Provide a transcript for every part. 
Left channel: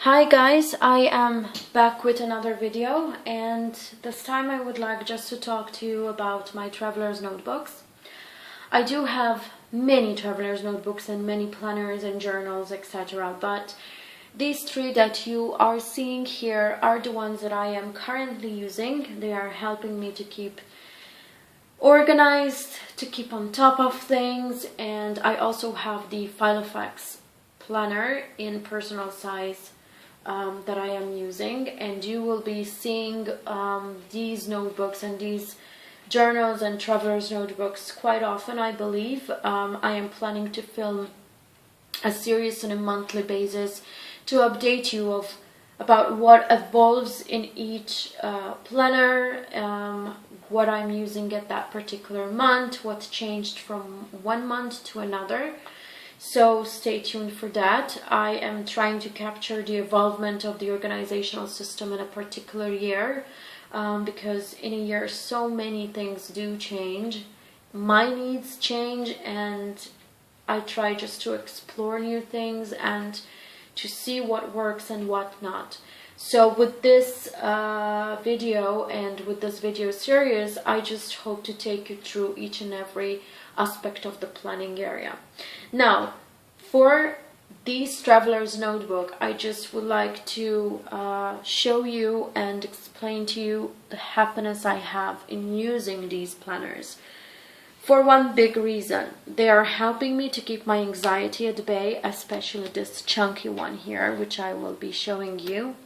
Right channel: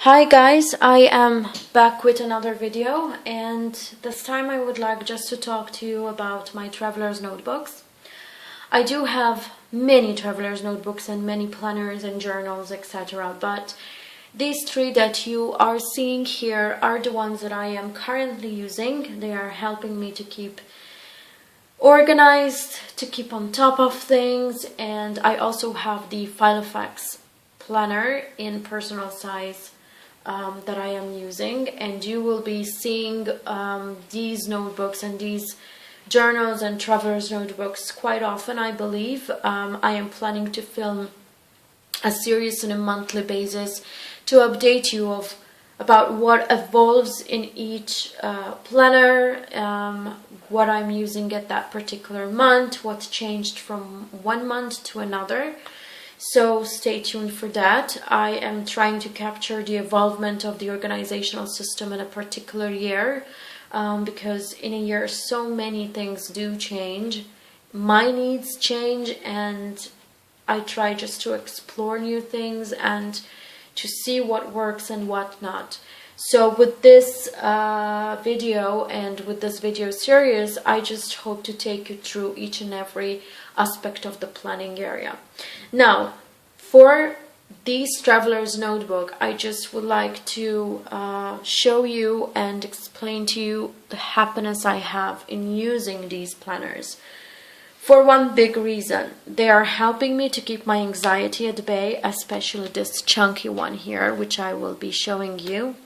Hi guys, I am back with another video, and this time I would like just to talk to you about my traveler's notebooks. I do have many traveler's notebooks and many planners and journals, etc. But these three that you are seeing here are the ones that I am currently using. They are helping me to keep organized, to keep on top of things, and I also have the Filofax planner in personal size that I am using, and you will be seeing these notebooks and these journals and traveler's notebooks quite often, I believe. I am planning to film a series on a monthly basis to update you about what evolves in each planner, what I'm using at that particular month, what changed from one month to another. So stay tuned for that. I am trying to capture the evolvement of the organizational system in a particular year, because in a year so many things do change. My needs change, and I try just to explore new things and to see what works and what not. So with this video and with this video series, I just hope to take you through each and every aspect of the planning area. Now, for this traveler's notebook, I just would like to show you and explain to you the happiness I have in using these planners. For one big reason, they are helping me to keep my anxiety at bay, especially this chunky one here, which I will be showing you.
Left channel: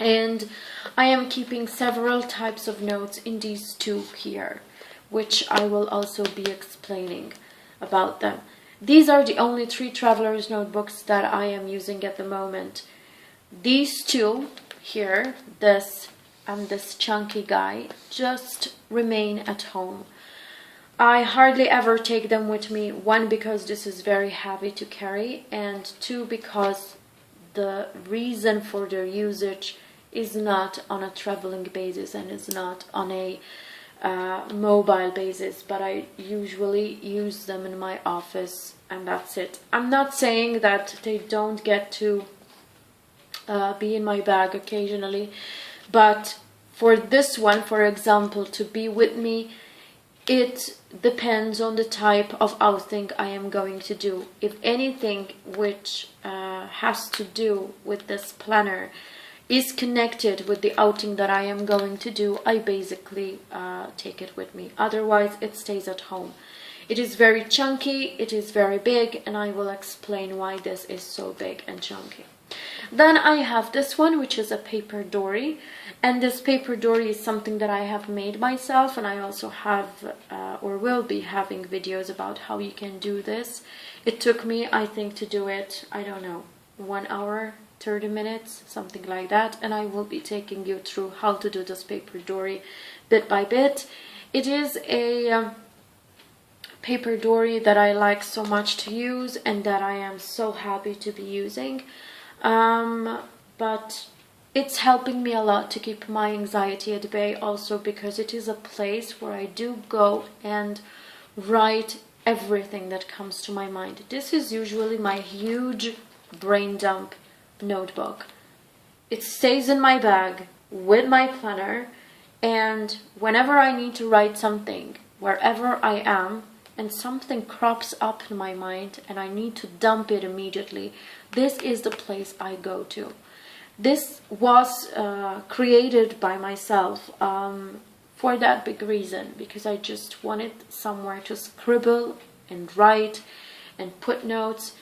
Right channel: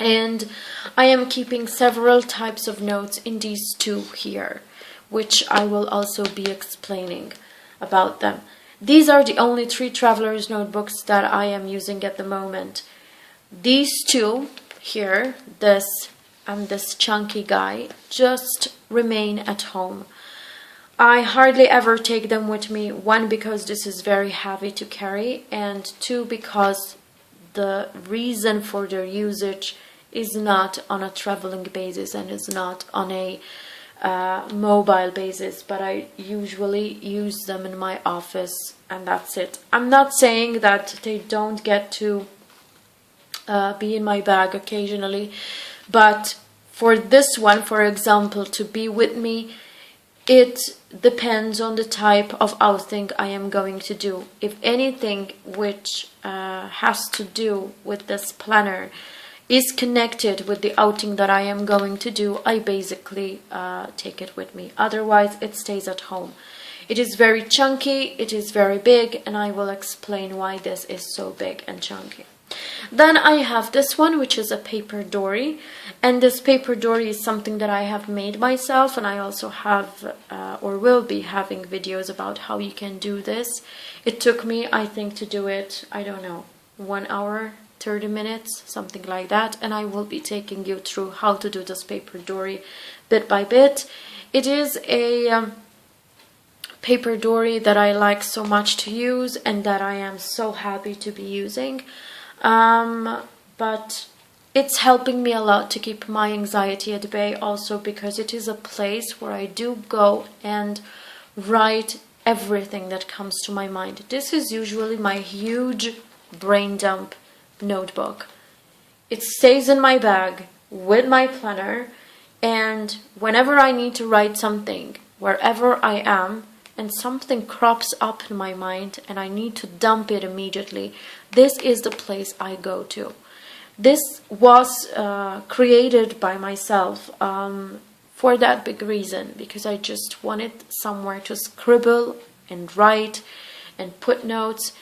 And I am keeping several types of notes in these two here, which I will also be explaining about them. These are the only three traveler's notebooks that I am using at the moment. These two here, this and this chunky guy, just remain at home. I hardly ever take them with me, one because this is very heavy to carry, and two because the reason for their usage is not on a traveling basis and is not on a mobile basis, but I usually use them in my office, and that's it. I'm not saying that they don't get to be in my bag occasionally, but for this one, for example, to be with me, it depends on the type of outing I am going to do. If anything which has to do with this planner is connected with the outing that I am going to do, I basically take it with me. Otherwise, it stays at home. It is very chunky, it is very big, and I will explain why this is so big and chunky. Then I have this one, which is a paper dory, and this paper dory is something that I have made myself, and I also have or will be having videos about how you can do this. It took me, I think, to do it, I don't know, 1 hour, 30 minutes, something like that, and I will be taking you through how to do this paper dory bit by bit. It is a paper dory that I like so much to use and that I am so happy to be using. But it's helping me a lot to keep my anxiety at bay, also because it is a place where I do go and write everything that comes to my mind. This is usually my huge brain dump notebook. It stays in my bag with my planner, and whenever I need to write something, wherever I am, and something crops up in my mind and I need to dump it immediately, this is the place I go to. This was created by myself for that big reason, because I just wanted somewhere to scribble and write and put notes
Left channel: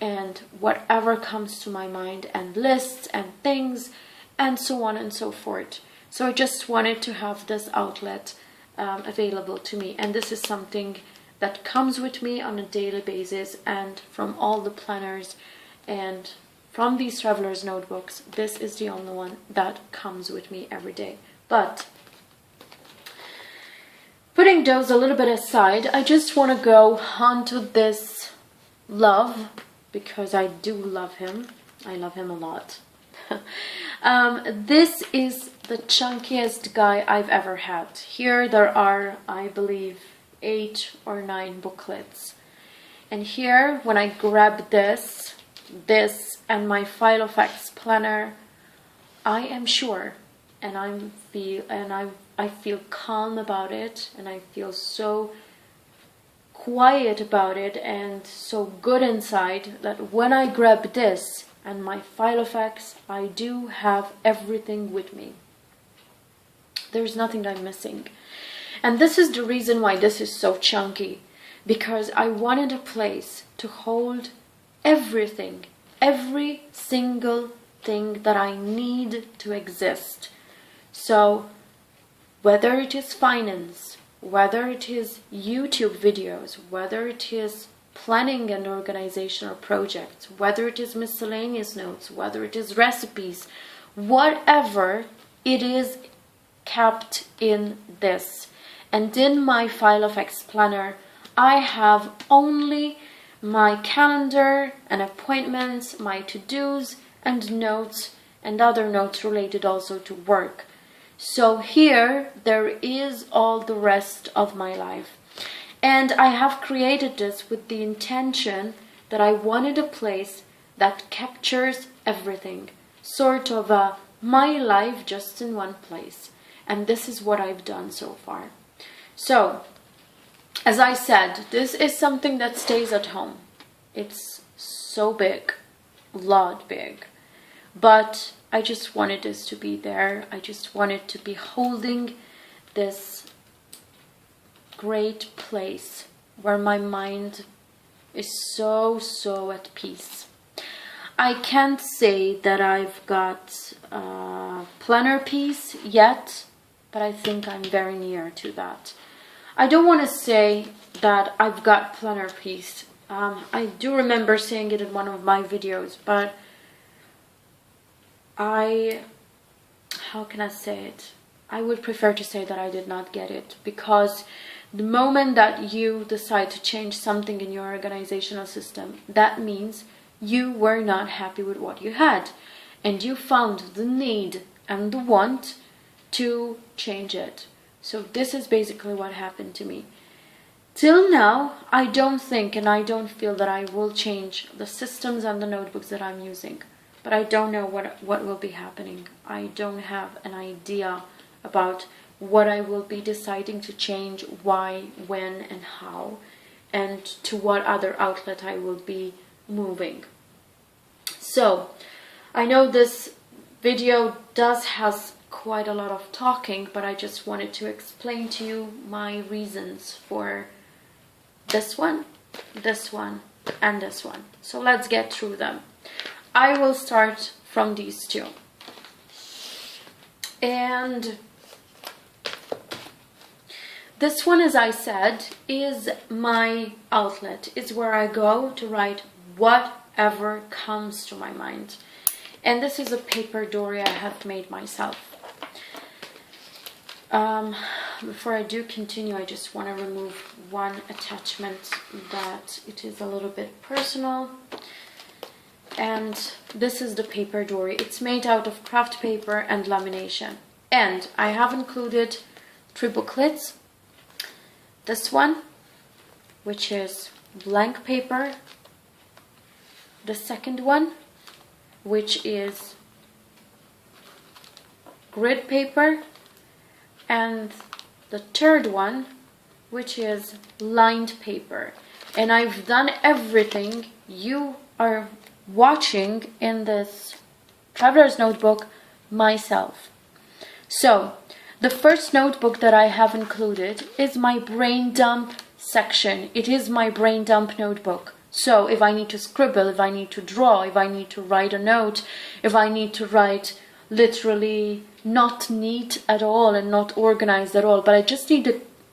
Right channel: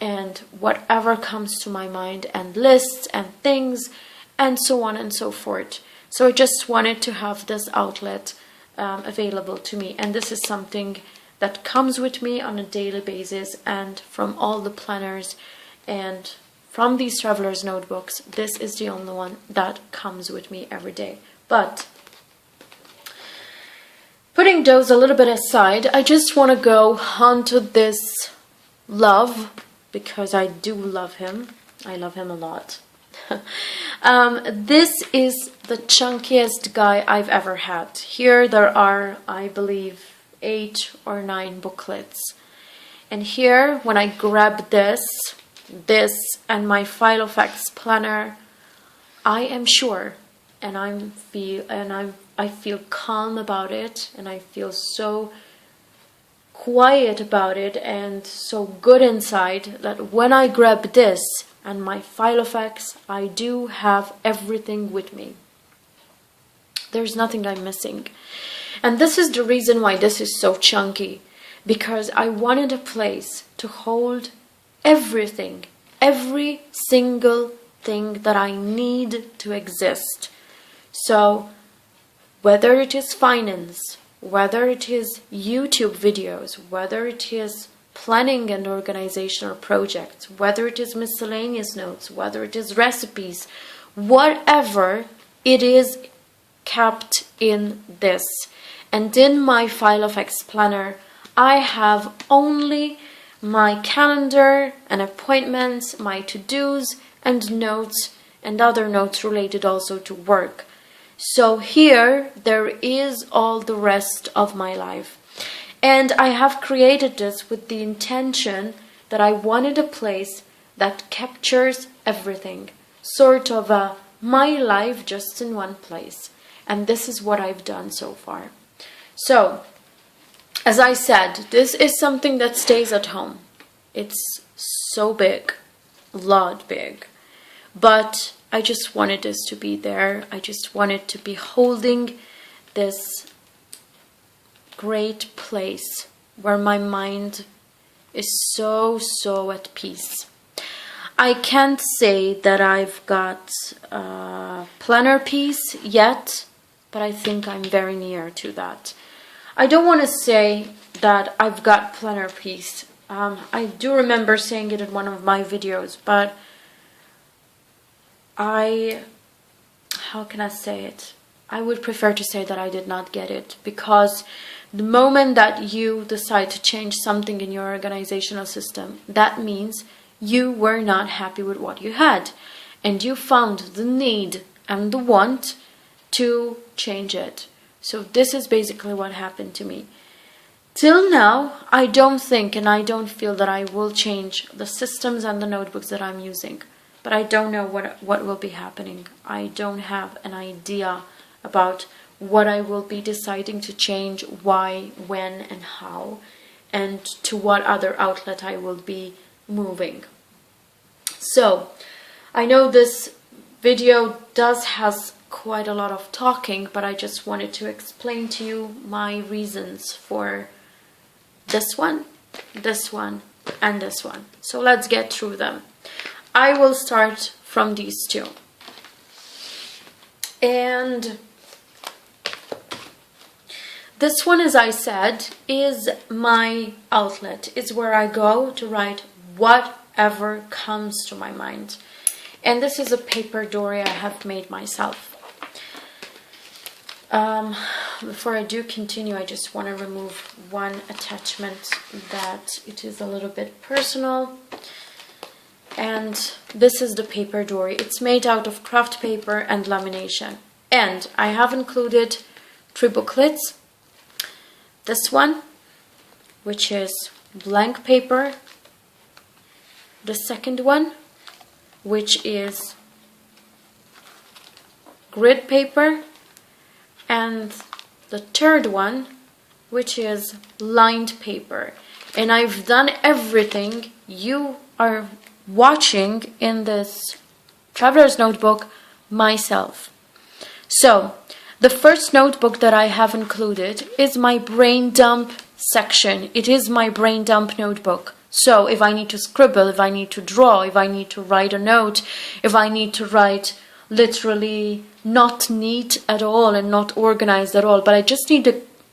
and whatever comes to my mind, and lists and things and so on and so forth. So I just wanted to have this outlet available to me, and this is something that comes with me on a daily basis, and from all the planners and from these traveler's notebooks, this is the only one that comes with me every day. But putting those a little bit aside, I just want to go onto this love, because I do love him. I love him a lot. This is the chunkiest guy I've ever had. Here there are, I believe, 8 or 9 booklets. And here, when I grab this, this and my Filofax planner, I am sure, and I feel calm about it, and I feel so quiet about it and so good inside that when I grab this and my Filofax, I do have everything with me. There's nothing I'm missing. And this is the reason why this is so chunky, because I wanted a place to hold everything, every single thing that I need to exist. So whether it is finance, whether it is YouTube videos, whether it is planning and organizational projects, whether it is miscellaneous notes, whether it is recipes, whatever, it is kept in this. And in my Filofax planner, I have only my calendar and appointments, my to-dos and notes, and other notes related also to work. So here there is all the rest of my life. And I have created this with the intention that I wanted a place that captures everything, sort of my life just in one place. And this is what I've done so far. So, as I said, this is something that stays at home. It's so big, a lot big. But I just wanted this to be there. I just wanted to be holding this great place where my mind is so at peace. I can't say that I've got a planner piece yet, but I think I'm very near to that. I don't want to say that I've got planner piece. I do remember saying it in one of my videos, but how can I say it? I would prefer to say that I did not get it, because the moment that you decide to change something in your organizational system, that means you were not happy with what you had, and you found the need and the want to change it. So this is basically what happened to me. Till now, I don't think and I don't feel that I will change the systems and the notebooks that I'm using. But I don't know what will be happening. I don't have an idea about what I will be deciding to change, why, when, and how, and to what other outlet I will be moving. So, I know this video has quite a lot of talking, but I just wanted to explain to you my reasons for this one, and this one. So let's get through them. I will start from these two. And this one, as I said, is my outlet. It's where I go to write whatever comes to my mind. And this is a paper dory I have made myself. Before I do continue, I just want to remove one attachment that it is a little bit personal. And this is the paper dory. It's made out of craft paper and lamination. And I have included 3 booklets. This one, which is blank paper. The second one, which is grid paper. And the third one, which is lined paper. And I've done everything you are watching in this traveler's notebook myself. So the first notebook that I have included is my brain dump section. It is my brain dump notebook. So if I need to scribble, if I need to draw, if I need to write a note, if I need to write literally not neat at all and not organized at all, but I just need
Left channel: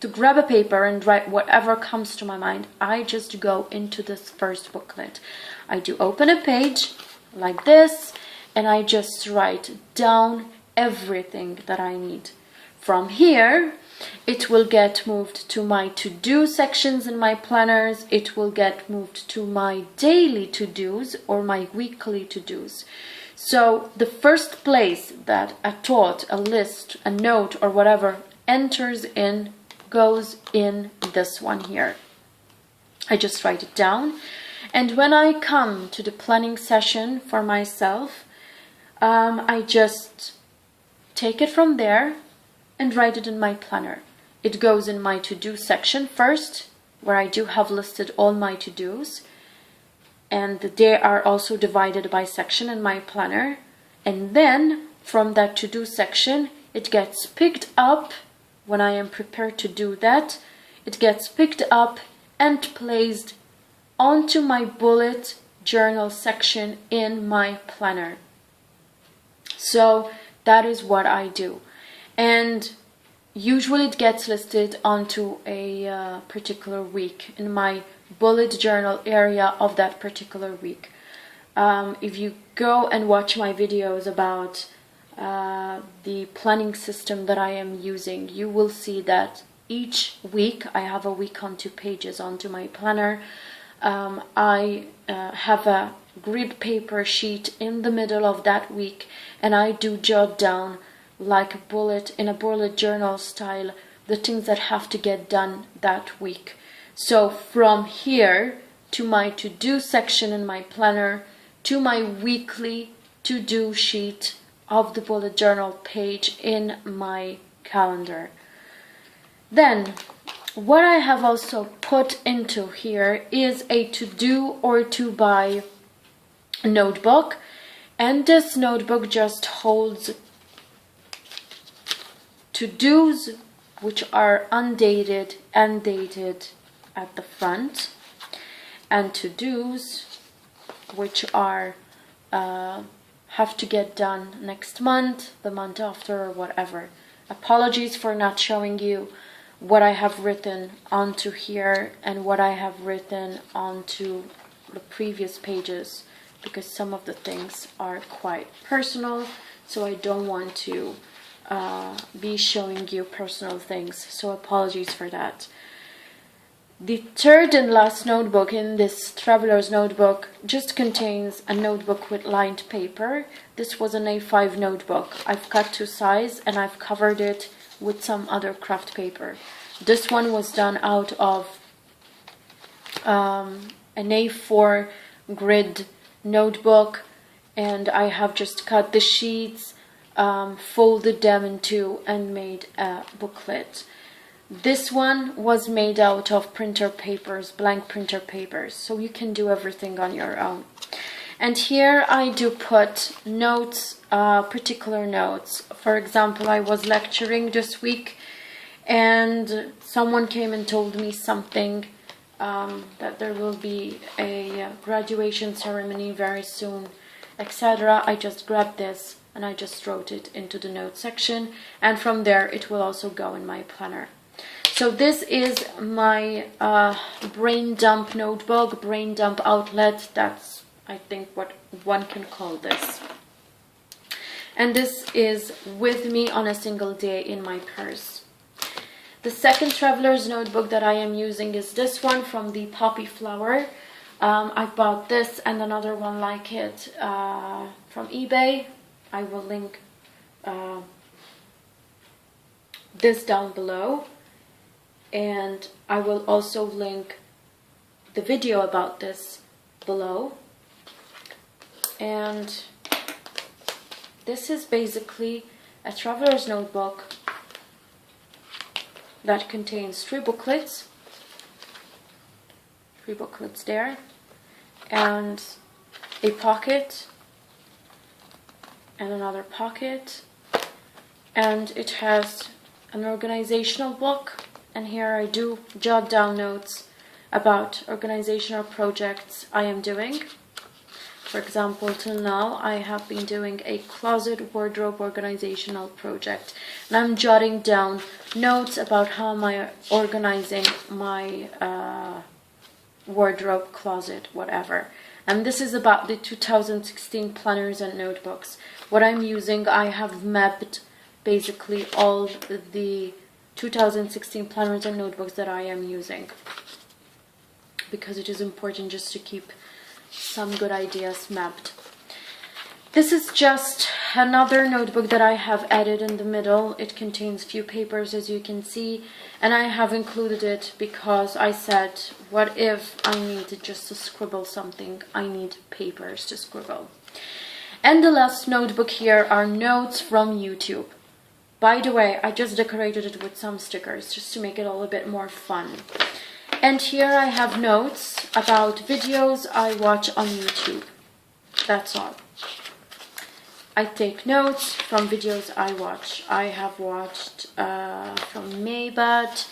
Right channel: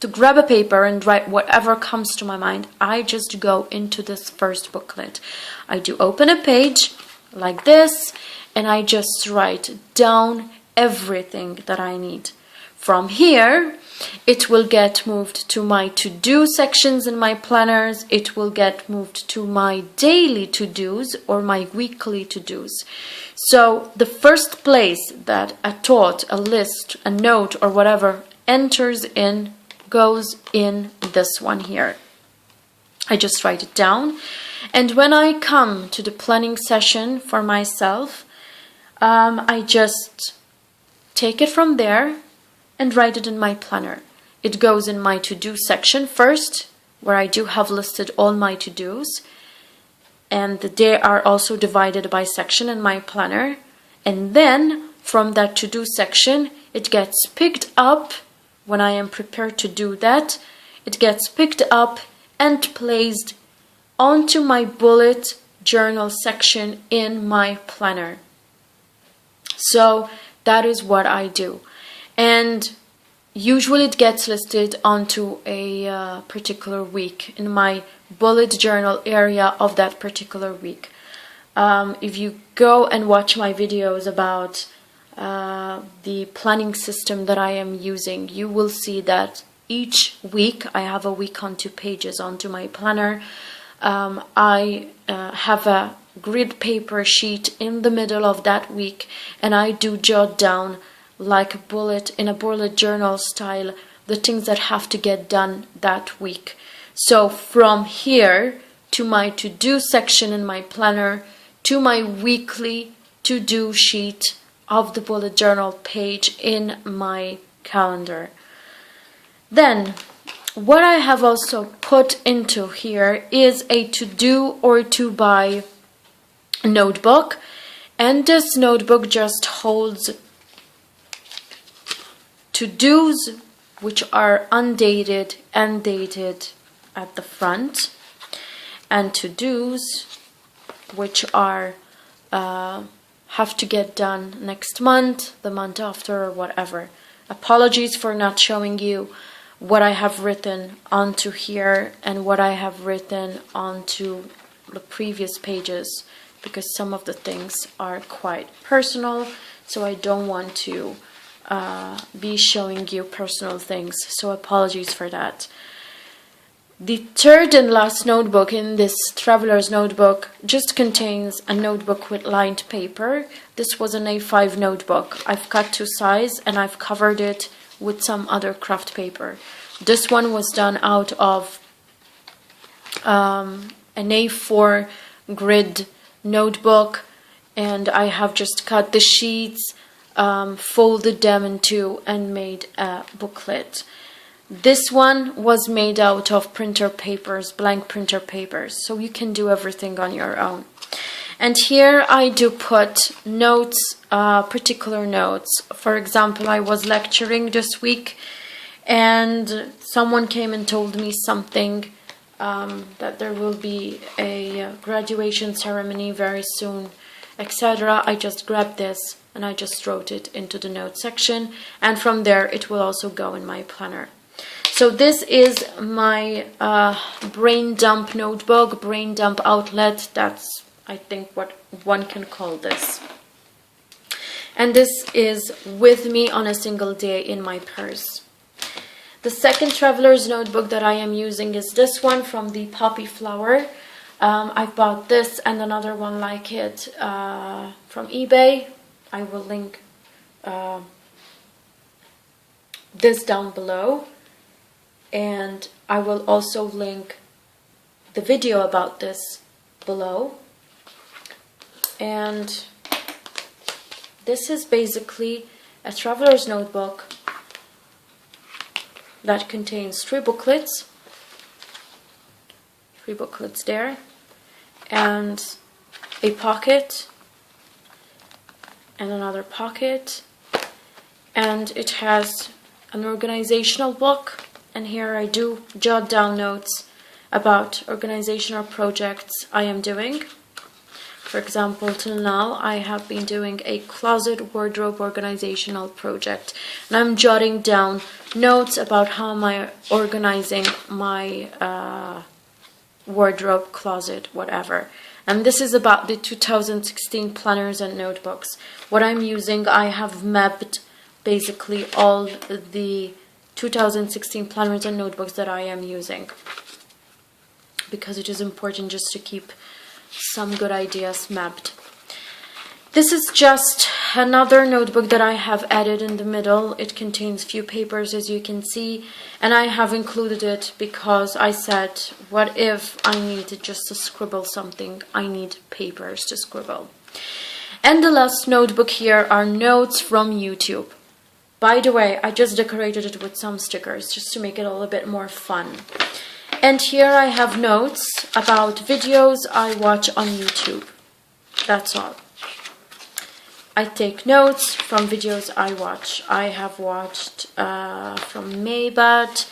to grab a paper and write whatever comes to my mind, I just go into this first booklet. I do open a page like this, and I just write down everything that I need. From here, it will get moved to my to-do sections in my planners. It will get moved to my daily to-dos or my weekly to-dos. So the first place that a thought, a list, a note, or whatever enters in goes in this one here. I just write it down, And when I come to the planning session for myself, I just take it from there and write it in my planner. It goes in my to-do section first, where I do have listed all my to-dos, and they are also divided by section in my planner. And then from that to-do section, it gets picked up when I am prepared to do that. It gets picked up and placed onto my bullet journal section in my planner. So that is what I do. And usually it gets listed onto a particular week in my bullet journal area of that particular week. If you go and watch my videos about the planning system that I am using, you will see that each week I have a week on 2 pages onto my planner. I have a grid paper sheet in the middle of that week, and I do jot down like a bullet in a bullet journal style the things that have to get done that week. So from here to my to-do section in my planner to my weekly to-do sheet of the bullet journal page in my calendar. Then what I have also put into here is a to-do or to-buy notebook, and this notebook just holds to-dos which are undated and dated at the front, and to-dos which are have to get done next month, the month after, or whatever. Apologies for not showing you what I have written onto here and what I have written onto the previous pages, because some of the things are quite personal, so I don't want to be showing you personal things, so apologies for that. The third and last notebook in this traveler's notebook just contains a notebook with lined paper. This was an A5 notebook. I've cut to size and I've covered it with some other craft paper. This one was done out of an A4 grid notebook, and I have just cut the sheets, folded them in two, and made a booklet. This one was made out of printer papers, blank printer papers, so you can do everything on your own. And here I do put notes, particular notes. For example, I was lecturing this week and someone came and told me something, that there will be a graduation ceremony very soon, etc. I just grabbed this and I just wrote it into the note section, and from there it will also go in my planner. So this is my brain dump notebook, brain dump outlet. That's, I think, what one can call this. And this is with me on a single day in my purse. The second traveler's notebook that I am using is this one from the Poppy Flower. I bought this and another one like it from eBay. I will link this down below. And I will also link the video about this below. And this is basically a traveler's notebook that contains 3 booklets. 3 booklets there. And a pocket. And another pocket. And it has an organizational book. And here I do jot down notes about organizational projects I am doing. For example, till now I have been doing a closet wardrobe organizational project. And I'm jotting down notes about how I'm organizing my wardrobe, closet, whatever. And this is about the 2016 planners and notebooks. What I'm using, I have mapped basically all the 2016 planners and notebooks that I am using, because it is important just to keep some good ideas mapped. This is just another notebook that I have added in the middle. It contains few papers, as you can see, and I have included it because I said, what if I need just to scribble something? I need papers to scribble. And the last notebook here are notes from YouTube. By the way, I just decorated it with some stickers just to make it all a bit more fun. And here I have notes about videos I watch on YouTube. That's all. I take notes from videos I watch. I have watched from Maybat,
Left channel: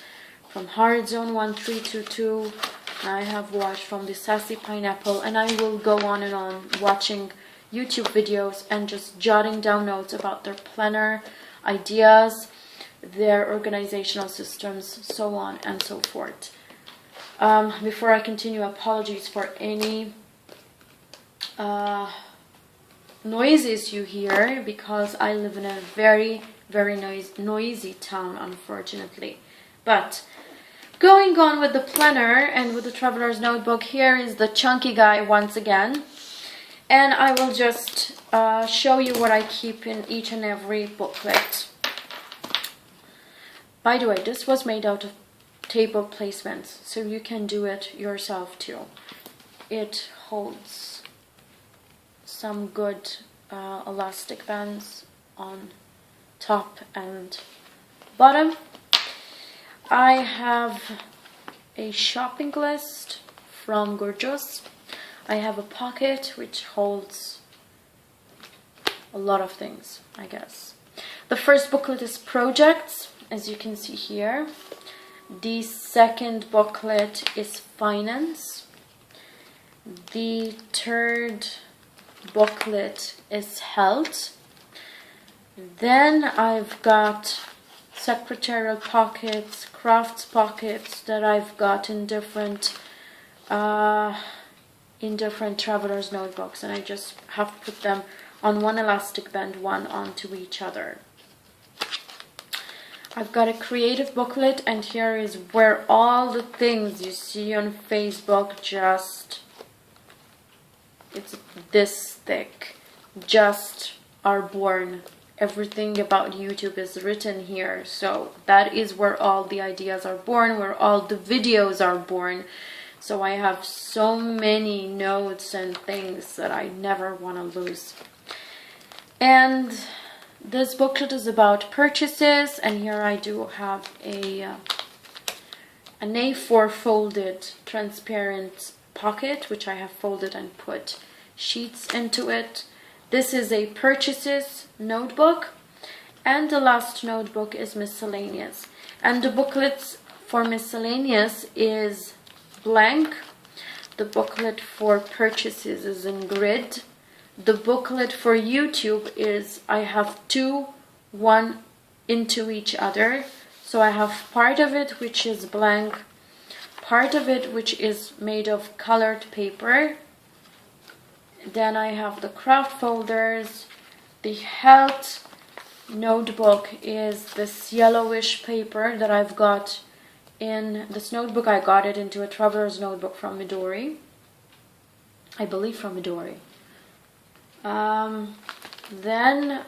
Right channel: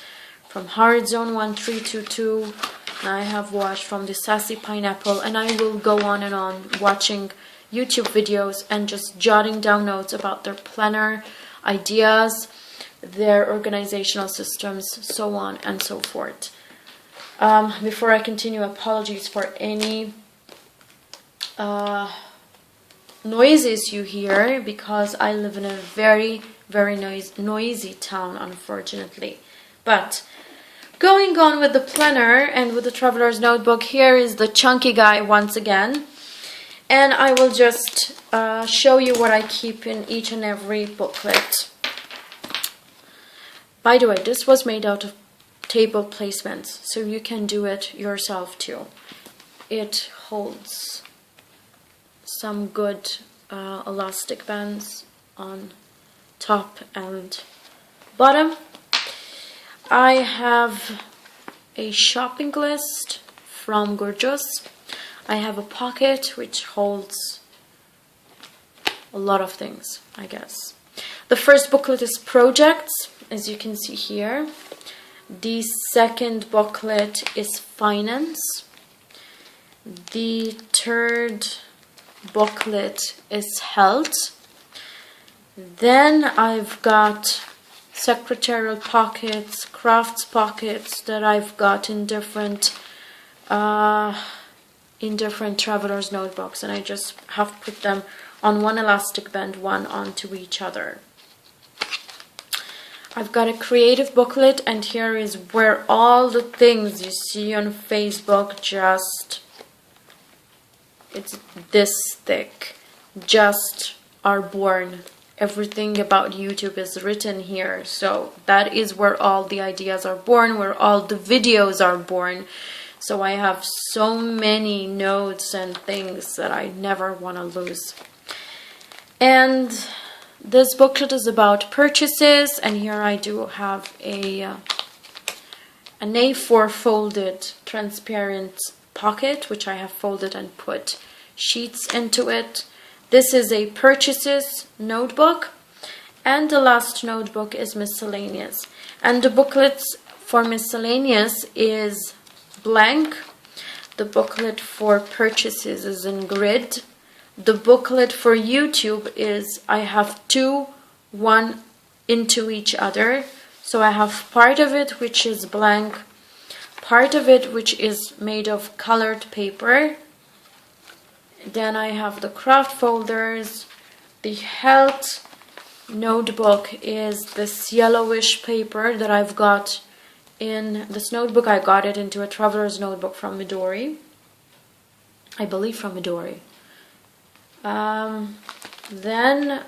from Hard Zone 1322, and I have watched from the Sassy Pineapple, and I will go on and on watching YouTube videos and just jotting down notes about their planner, ideas, their organizational systems, so on and so forth. Before I continue, apologies for any noises you hear, because I live in a very, very noisy town, unfortunately. But going on with the planner and with the traveler's notebook, here is the chunky guy once again. And I will just show you what I keep in each and every booklet. By the way, this was made out of table placements, so you can do it yourself too. It holds some good elastic bands on top and bottom. I have a shopping list from Gorgeous. I have a pocket which holds a lot of things, I guess. The first booklet is projects, as you can see here. The second booklet is finance. The third booklet is health. Then I've got secretarial pockets, crafts pockets that I've got in different traveler's notebooks, and I just have put them on one elastic band, one onto each other. I've got a creative booklet, and here is where all the things you see on Facebook it's this thick, just are born. Everything about YouTube is written here, so that is where all the ideas are born, where all the videos are born. So I have so many notes and things that I never want to lose. And this booklet is about purchases, and here I do have an A4 folded transparent pocket, which I have folded and put sheets into it. This is a purchases notebook, and the last notebook is miscellaneous. And the booklets for miscellaneous is blank. The booklet for purchases is in grid. The booklet for YouTube is, I have two, one into each other. So I have part of it which is blank, part of it which is made of colored paper. Then I have the craft folders. The health notebook is this yellowish paper that I've got in this notebook. I got it into a traveler's notebook from Midori. I believe from Midori. Then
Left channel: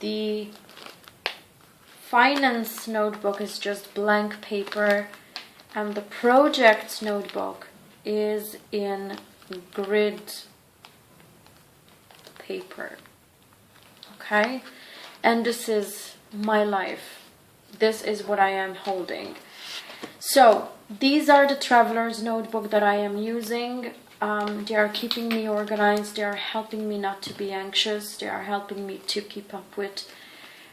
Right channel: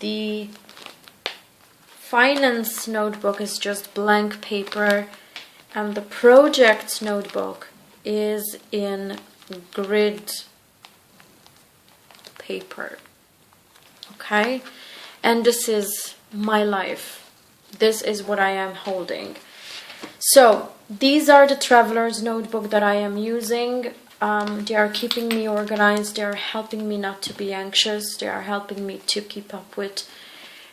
the finance notebook is just blank paper, and the project notebook is in grid paper. Okay, and this is my life. This is what I am holding. So these are the traveler's notebook that I am using. They are keeping me organized. They are helping me not to be anxious. They are helping me to keep up with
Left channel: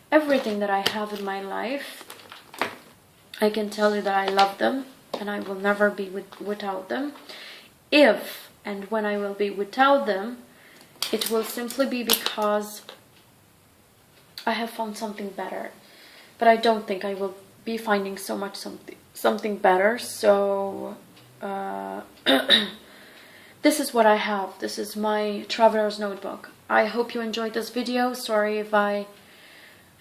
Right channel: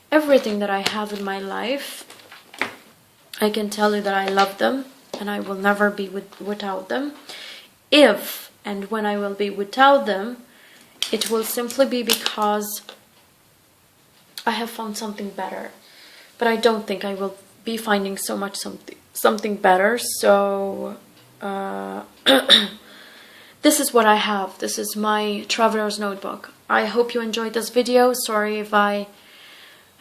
everything that I have in my life. I can tell you that I love them, and I will never be without them. If and when I will be without them, it will simply be because I have found something better. But I don't think I will be finding something better. So this is what I have. This is my traveler's notebook. I hope you enjoyed this video. Sorry if I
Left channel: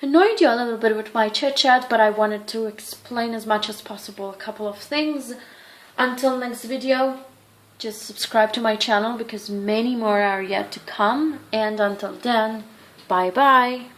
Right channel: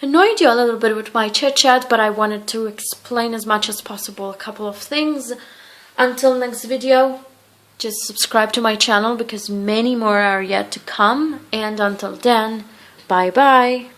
annoyed you a little bit with my chit chat, but I wanted to explain as much as possible a couple of things. Until next video, just subscribe to my channel because many more are yet to come. And until then, Bye bye.